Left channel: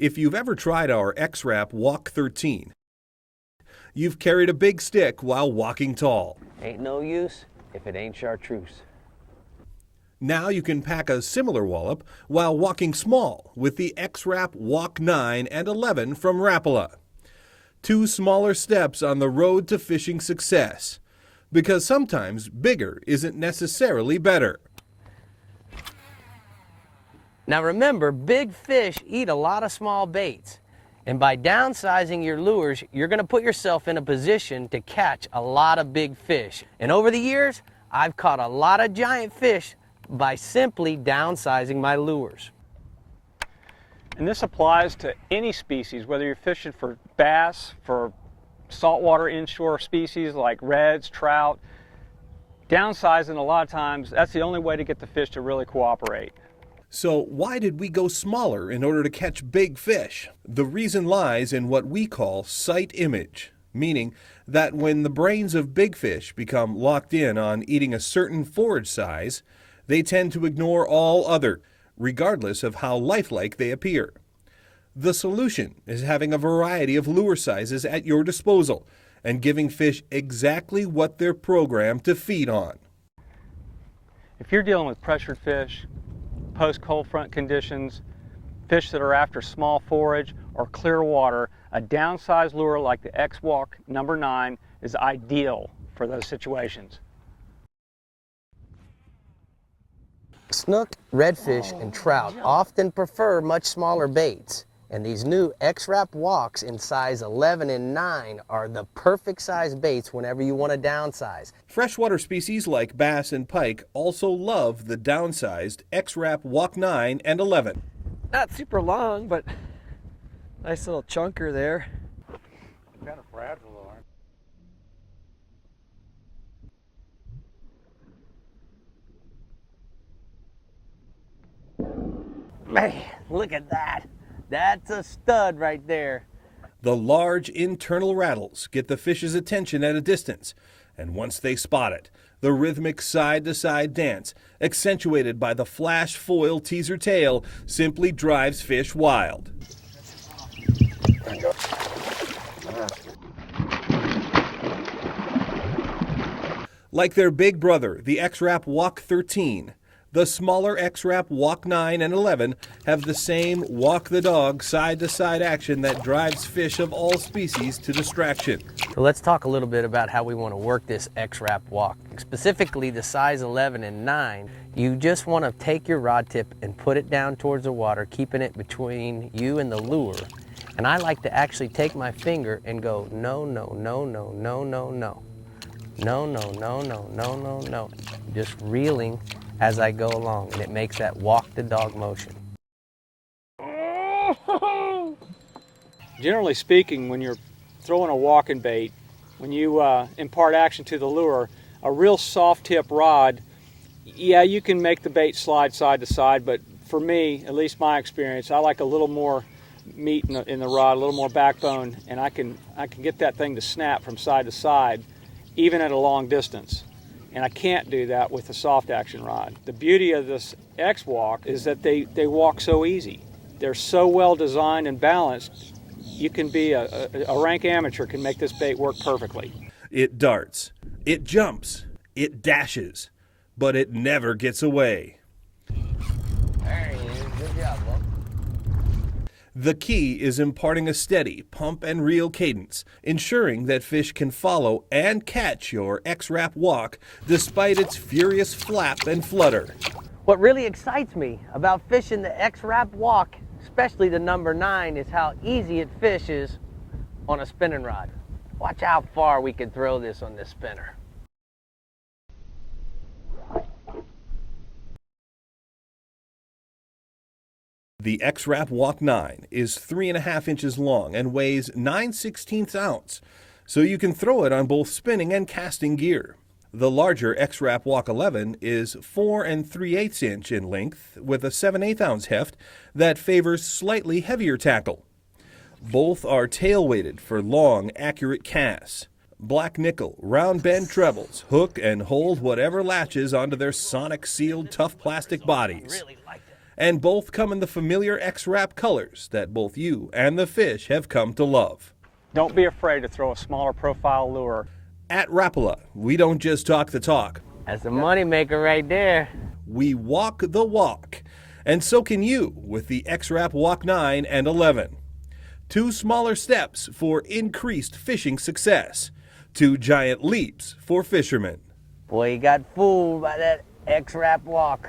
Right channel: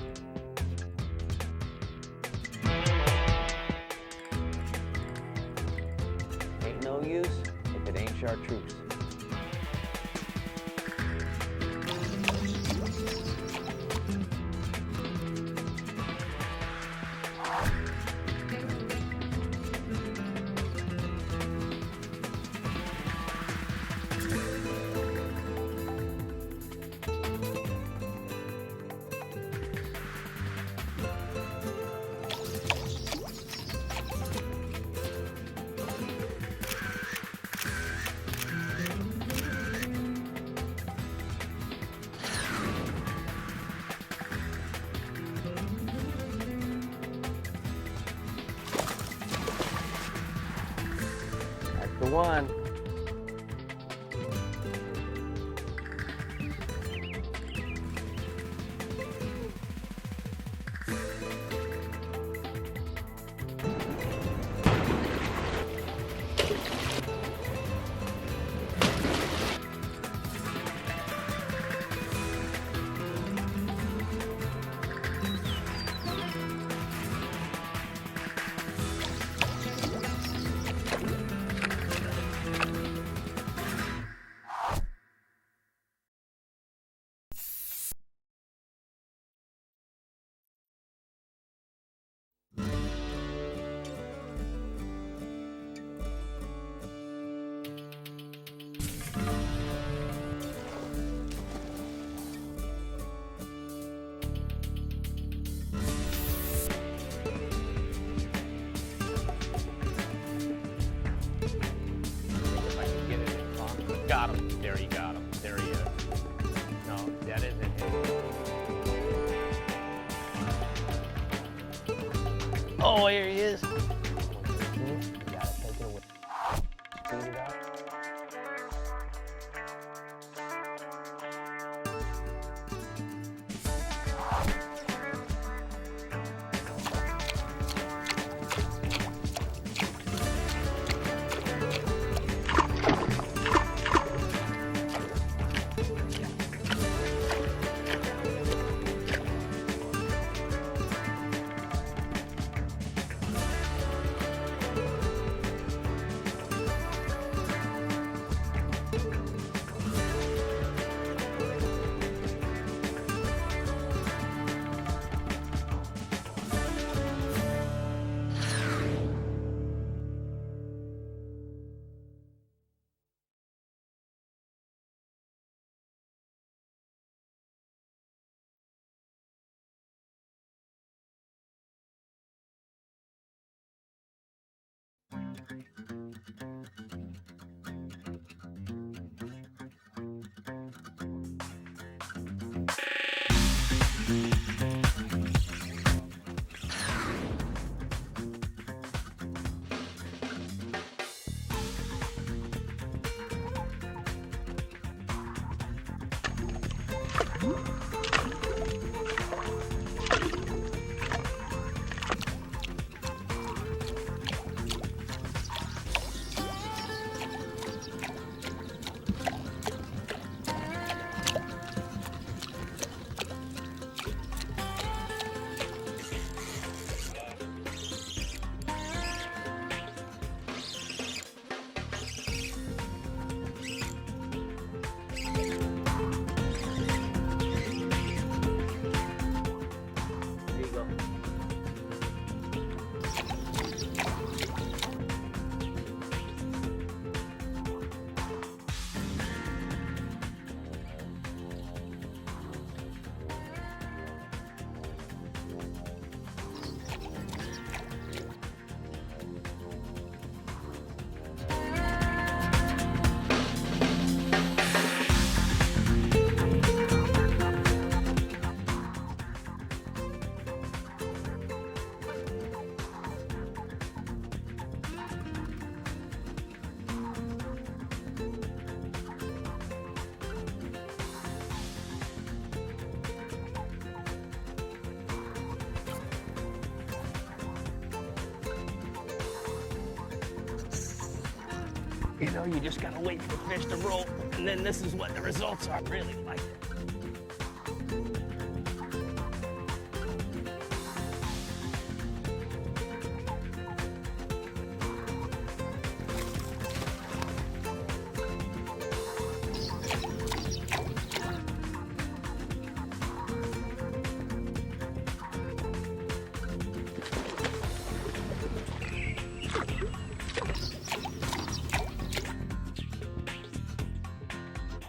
If you've ever tried our X-Rap Walk 13, you've carried a big stick while walking tall. Ain't no use if it ain't chartreuse. Now you can pack a similar wallop while walking small with the X-Rap Walk 9 and 11 from Rapala. 2 smaller steps on the road to fishing success. Because sometimes bigger isn't necessarily better. Now remember, big fish eat a lot of small baits. And by downsizing your lures, you're gonna put yourself in a position to catch a lot of big fish. And over the years, I've caught a lot of giant fish by simply downsizing my lures. And this applies to any species, whether you're fishing for bass, for saltwater inshore species like reds, trout. That's the one. Downsizing, a lot of times, that's the only way to get the fish to really cooperate. So why did we go smaller in order to catch big fish? The reason lies in what we call sight image, meaning that when the brains of big fish become locked in on eating a certain forage size, they tend to ignore all other, regardless of how lifelike they appear. The solution is having a variety of lure sizes at your disposal and giving fish exactly what they're programmed to feed on. If you're dealing with pressured fish, post-cold front conditions, fish that are after small forage or clear water, a downsized lure like the X-Walk number 9 is ideal for those situations. Snook, redfish, and trout often prefer much smaller baits. And these new X-Rap Walks in size 11 and 9 are the perfect size baits whenever you want to downsize. Freshwater species like bass and pike also love the downsized X-Rap Walk 9 and 11. Not super long, but nice little chunker there. Oh, here he is. Man, look at that. That's a stud right there. The large internal rattles get the fish's attention at a distance, and once they spot it, the rhythmic side-to-side dance, accentuated by the flash foil teaser tail, simply drives fish wild. Like their big brother, the X-Rap Walk 13, the smaller X-Rap Walk 9 and 11 have the same walk-the-dog side-to-side action that drives fish of all species to distraction. So let's talk a little bit about how we want to work this X-Rap Walk. Specifically the size 11 and 9, you just want to take your rod tip and put it down towards the water, keeping it between you and the lure. And I like to actually take my finger and go no, no, no, no, no, no, no. No, no, no, no, no, no, no. Just reeling as I go along, and it makes that walk the dog motion. Generally speaking, when you're throwing a walking bait, when you impart action to the lure, a real soft tip rod, yeah, you can make the bait slide side to side, but for me, at least my experience, I like a little more meat in the rod, a little more backbone, and I can get that thing to snap from side to side, even at a long distance. And I can't do that with the soft action rod. The beauty of this X-Walk is that they walk so easy. They're so well designed and balanced, you can be a rank amateur can make this bait work perfectly. It darts, it jumps, it dashes, but it never gets away. The key is imparting a steady pump and reel cadence, ensuring that fish can follow and catch your X-Rap Walk despite its furious flap and flutter. What really excites me about fishing the X-Rap Walk, especially the number 9, is how easy it fishes on a spinning rod. Watch how far we can throw this on this spinner. The X-Rap Walk 9 is 3.5 inches long and weighs 9/16 ounce, so you can throw it on both spinning and casting gear. The larger X-Rap Walk 11 is 4 3/8 inch in length with a 7/8 ounce heft that favors slightly heavier tackle. Both are tail-weighted for long, accurate casts. Black nickel, round bend trebles, hook and hold whatever latches onto their sonic sealed tough plastic bodies. And both come in the familiar X-Rap colors that both you and the fish have come to love. Don't be afraid to throw a smaller profile lure. At Rapala, we don't just talk the talk, That's a money maker right there. we walk the walk. And so can you with the X-Rap Walk 9 and 11. 2 smaller steps for increased fishing success. 2 giant leaps for fishermen. Boy, you got fooled by that X-Rap walk.